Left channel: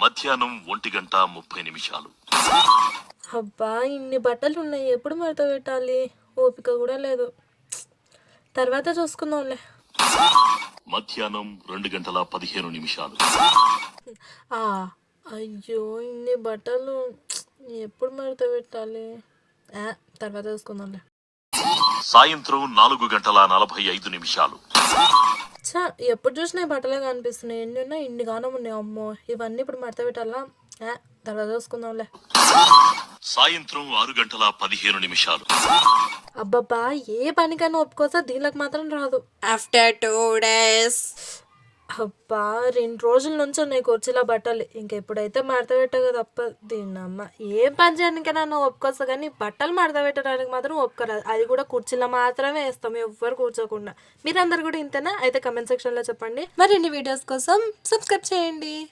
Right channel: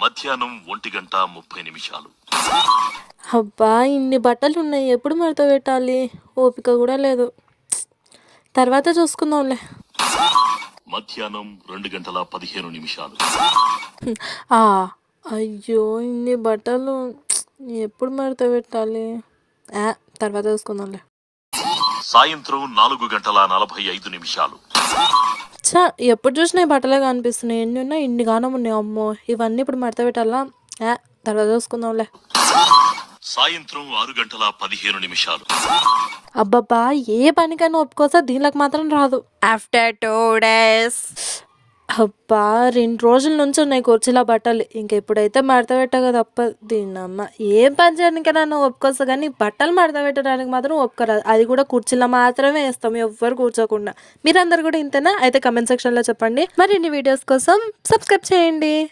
మధ్యాహ్నం ఒంటి గంట ముప్పై నిమిషాలు. అబ్బా ఇన్ని బట్టలు ఉన్నాయి ఎప్పుడు మడత పెట్టాలి? ఓపిక కూడా లేదు. తర్వాత చూసుకుందాంలే. మధ్యాహ్నం రెండు గంటల పదిహేను నిమిషాలు. ఆ, అయ్యో ఇన్ని బట్టలు. ఎప్పుడు మడత పెట్టాలి? ఆ, తర్వాత చూసుకుందాంలే. సాయంత్రం నాలుగు గంటల నలభై ఐదు నిమిషాలు. చా ఎప్పుడు చూసినా ఈ బట్టలే కనిపిస్తున్నాయి. ఎన్ని ఉన్నాయి ఇన్ని గానం ఉన్నాయి. అమ్మో ఇవన్నీ ఇప్పుడు మడత పెట్టాలా? ఆ, తర్వాత చూసుకుందాంలే. సాయంత్రం ఆరు గంటల పదిహేను నిమిషాలు. అబ్బబ్బా ఏ పనికైనా ఒప్పుకోసా దీనికి మాత్రం రాదు. ఆఫ్టర్ టూ డేస్ అబ్బా రెండు రోజుల నుంచి ఉన్నాయి కుర్చీలో బట్టలు. ఇంకెప్పుడైతే మడత పెట్టగా తప్ప దీన్నమ్మ ఏం పని చేయడానికైనా నువ్వు ఒప్పుకోస్తా కానీ బట్టలు మడత పెట్టడానికి మాత్రం ఒప్పుకోరాదు. అది కూడా కుర్చీలో మాత్రమే వేస్తాం ఎవ్వరు కూర్చోకుండా. మీరందరు కూడా ఇంతేనా? అయితే కమెంట్ సెక్షన్లో చెప్పండి. మరిన్ని వీడియోస్ కోసం సబ్స్క్రైబ్ చేయండి.